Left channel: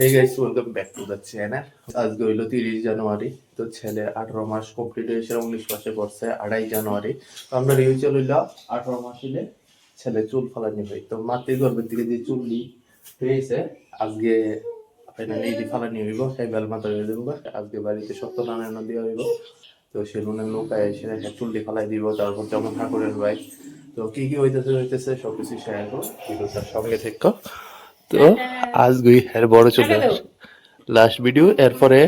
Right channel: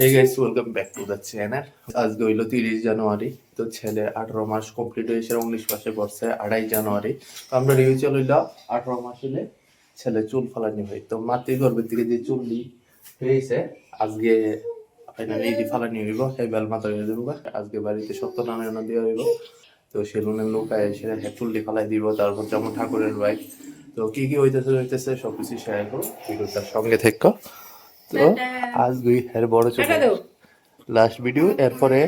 Hey guys welcome back to the channel আজকে হইল তিরিশ জানুয়ারি, তো ছেলে আঠারো মাস কমপ্লিট হয়েছে উনিশ মাসে পড়ছে, আড়াই জানুয়ারি। তো আমরা রিউচল হইল, আঠারো মাস হইলে ছেলে চুল ফালানি হয়। তো মাতৃ গর্ভের দিকে যে চুলটি হয়েছে, আজকে ফাইনালি এটি ফালানি হইব সেই বেল মাথা হয়ে দেবো আজকে বাড়িতে সত্যনারায়ণ দেওয়া হইব তো সেলুনের নৌকায় এসে চুলটি ফালাই দিব, তারপর যেমন ঠাকুরের ভাই তো কি কি হইতেছে হইতেছে, সবকিছু শেয়ার করো সঙ্গে থেকো। তো আজকে এর বড় চলে লাস্ট ভিডিও এরপরে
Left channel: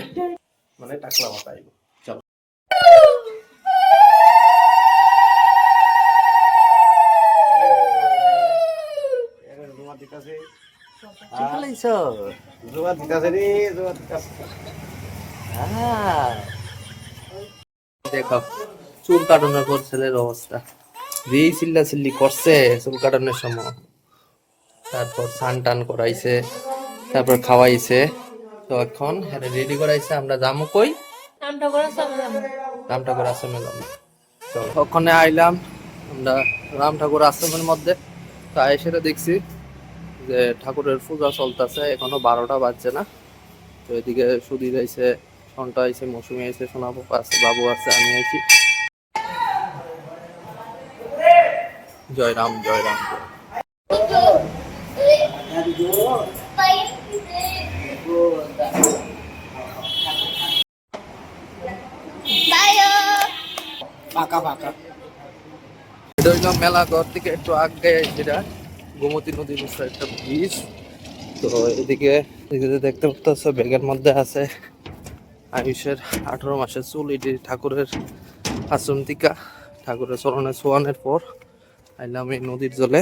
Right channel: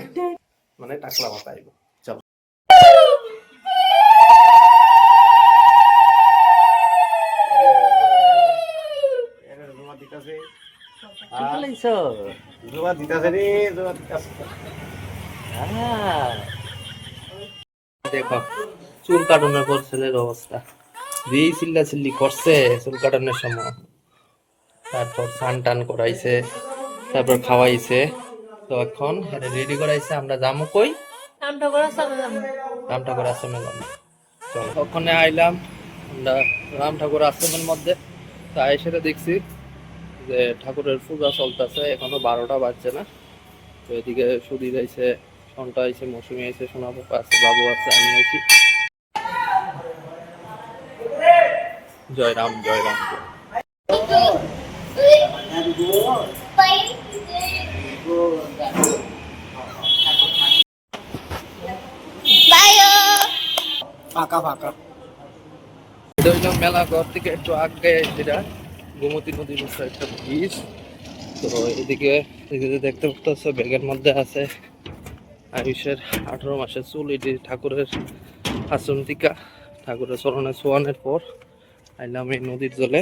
মানে টাকলা মাথা আইব। চলো। দেখো চুল কাটানোর পর ছেলের অবস্থা। যেই চিল্লা চিল্লি করছে চুল কাটানোর সময়। তারপর স্নান টান করাইছে তারপর খাওয়াইছে। তো এখন হ্যাঁ রেডি করাইছে আমরা যাব কই? নামটা করে যাব রাম ঠাকুর আশ্রমে যাব চলো ওখানে আইলাম আমরা রাম ঠাকুর আশ্রমের মধ্যে। তো এসে দেখছি যে ঠাকুরের পূজা চলতেছে এখনও বারোটা বাজছে না। তো এদিকে সুধীর আইছে সন্টা আইছে মৌসুমি আইছে সোনা বাবা আছে বাবু আছে আমি আইছি। জয় রাম জয় রাম জয় রাম। ফাঁকা ফাঁকা। এটা হইল মেলা ঘর থেকে একটু আগে যেটা গোমতী নদীর একটা ব্রিজ তো এদিকে এদিকে দেখতে পাচ্ছ ব্যাগের মধ্যে আছে আয়ুষের আঠারো মাসের চুল। এটি ঠাকুরের আশ্রম টিকা ঠাকুরের চরণে ছোয়ানোর পর আইলাম এই নদীর জলে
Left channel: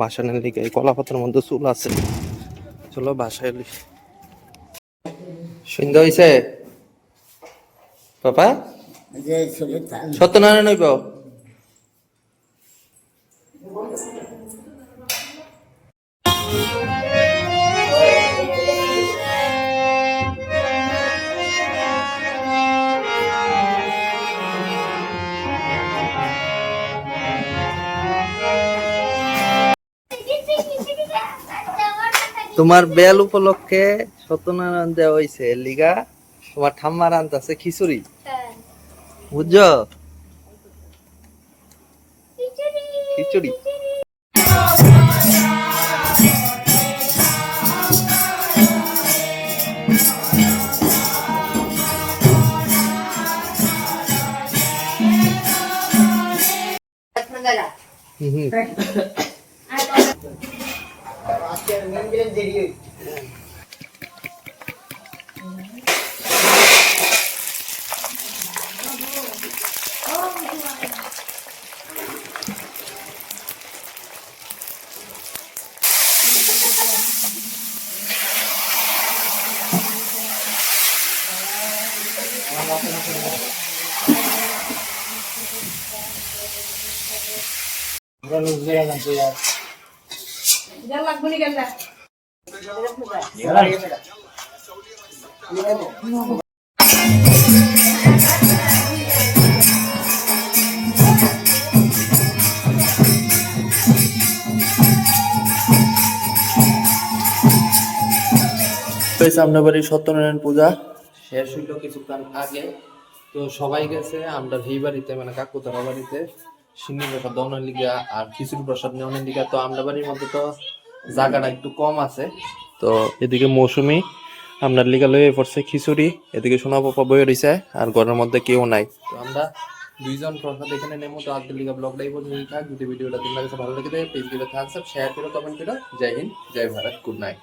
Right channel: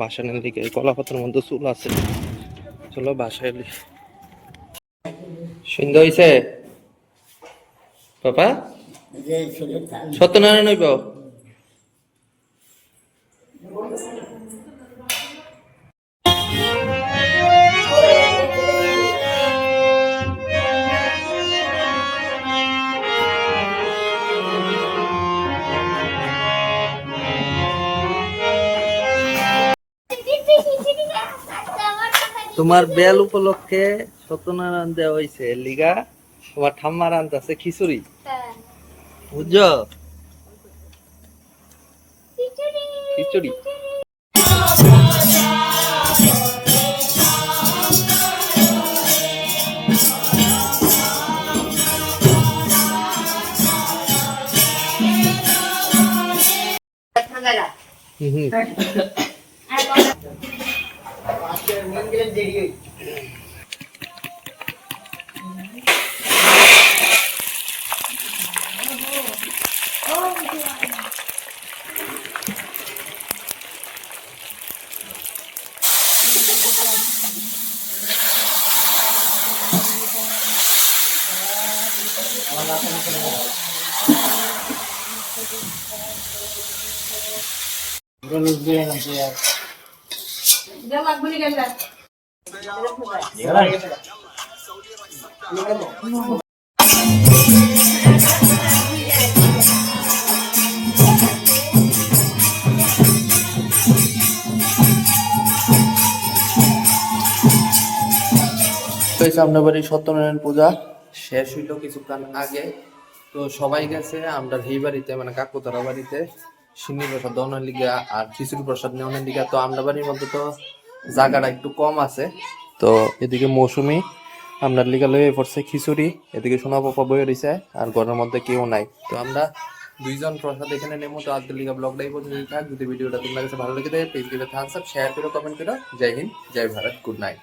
বাসানের দিকে এই কলাপাতার মধ্যে চুল আছে। চলো বাসায় এলি। সুন্দর হয়েছে বাবা? সত্যনারায়ণ হইব? তোমার বেল উপলক্ষে সত্যনারায়ণ দেওয়া হয়েছে লিগা। তোমার ঠাম্মার আনতেছে খিচুড়ি। বুঝছ? খিচুড়ি। হুম হুম। நீங்களும் தெரியும் Ganun din. আপনার বাড়ির সত্যনারায়ণ পূজা শেষ হইল কিছুক্ষণ আগে। তো সবাই গেছে, আমরা এই বাড়িতে মানে কাকুতারা বাড়িতে। সিন্নি প্রসাদ দনের আর খিচুড়ি প্রসাদ নেওয়ার লিগা। তো আমরা বাড়ির মধ্যে তো জায়গাটা একটু কম আছে। তো এদিকে মৌসুমি আপনার লিগা লয়ে পড়ছে খিচুড়ি, এদিকে সোনা পাপা বয়ে রয়েছে আর ঘরের মধ্যে কেউ নাই। তো আমরা দুইজন প্রসাদ এখানে নেব তো আজকের লিগা ব্লগটাই পর্যন্ত থাক। যদি ভিডিওটা তোমার কাছে ভালো লেগে গিয়ে থাকস শেয়ার করো কমেন্ট করো। জয় হিন্দ, জয় ভারত গুড নাইট